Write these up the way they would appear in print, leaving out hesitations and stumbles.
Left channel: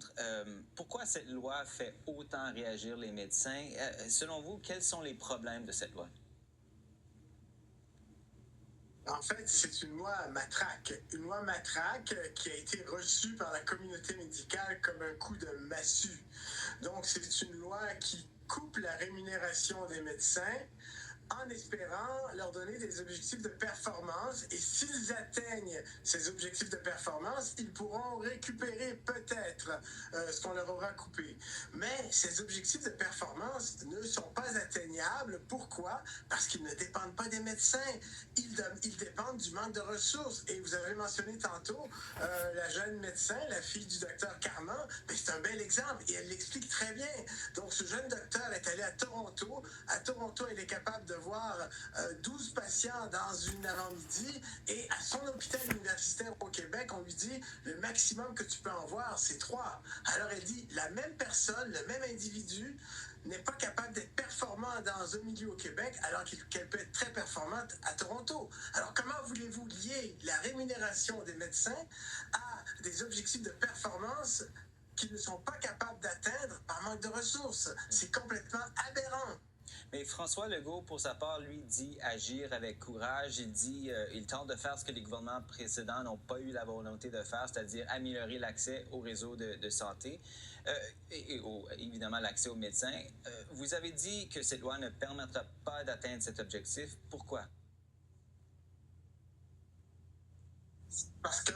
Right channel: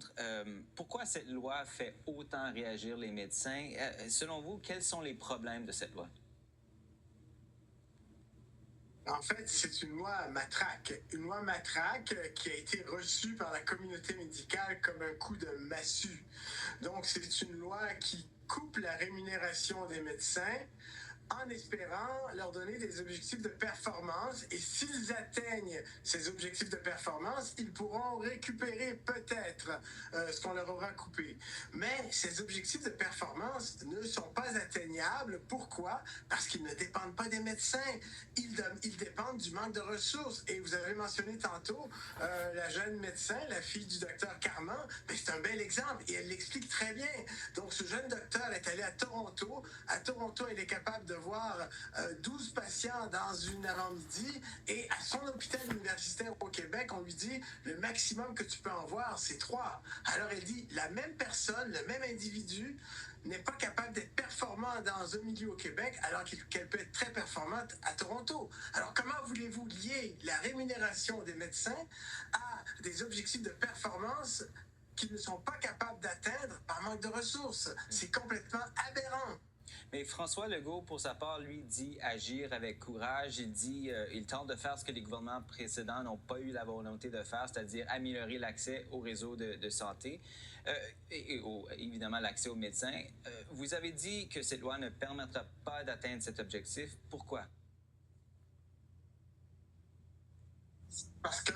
comprendre pourquoi cette loi fait autant réagir les médecins. Selon vous, quels sont les problèmes de cette loi? En fait, c'est une loi matraque. Une loi matraque qui a été reçue par la communauté médicale comme un coup de massue. Donc, c'est une loi qui coupe la rémunération des médecins en espérant leur donner des objectifs de performance. Et s'ils atteignent ces objectifs de performance, ils pourront récupérer peut-être ce qu'on leur aura coupé. Mais ces objectifs de performance ne sont pas atteignables. Pourquoi? Parce qu'ils ne dépendent pas des médecins. Ils dépendent du manque de ressources. Et vous avez mentionné tantôt la jeune médecin, la fille du docteur Carman. C'est un bel exemple et elle l'explique très bien. Donc, ce jeune docteur est allé à Toronto. À Toronto, elle est capable de voir 12 patients dans une avant-midi et à son hôpital universitaire au Québec, on lui dit le maximum que tu peux en voir, c'est 3. Alors elle dit la même personne, le même individu n'est pas capable d'être performant dans un milieu au Québec alors qu'elle peut être très performante à Toronto. Alors comment voulez-vous lier la rémunération des médecins à des objectifs de performance qu'ils ne sont pas capables d'atteindre par manque de ressources? C'est complètement aberrant. Mais François Legault, pour sa part, lui, dit agir avec courage. Il dit il tente de faire ce que les gouvernements précédents n'ont pas eu la volonté de faire, c'est-à-dire améliorer l'accès au réseau de santé évidemment l'accès aux médecins. Vous avez dit que cette loi ne permettra pas d'atteindre cet objectif. Pourquoi? Parce que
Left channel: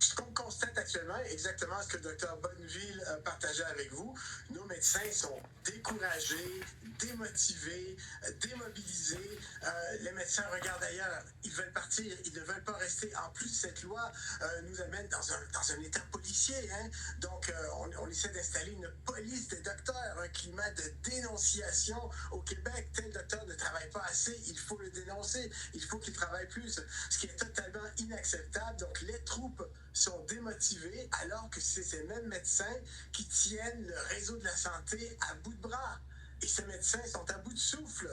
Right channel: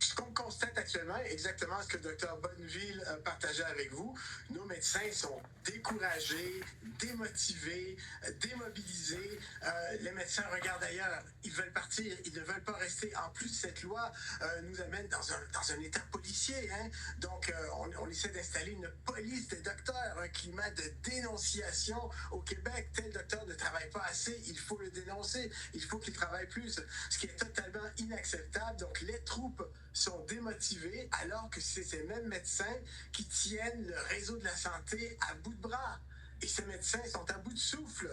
ce qu'on constate actuellement, exactement ce que le Dr Bonneville partageait avec vous, nos médecins sont découragés, démotivés, démobilisés. Les médecins regardent ailleurs. Ils veulent partir. Ils ne veulent pas rester. En plus, cette loi nous amène dans un état policier. Hein? Donc, on essaie d'installer une police des docteurs, un climat de dénonciation au Québec. Tel docteur ne travaille pas assez. Il faut le dénoncer. Il faut qu'il travaille plus. Ce qui est totalement inacceptable. Donc, les troupes sont démotivés alors que c'est ces mêmes médecins qui tiennent le réseau de la santé à bout de bras. Et ces médecins sont à bout de souffle.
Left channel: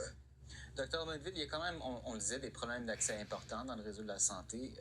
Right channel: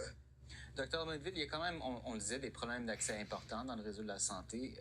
Docteur Bonneville, il y a quand même, on le disait, des problèmes d'accès importants dans le réseau de la santé.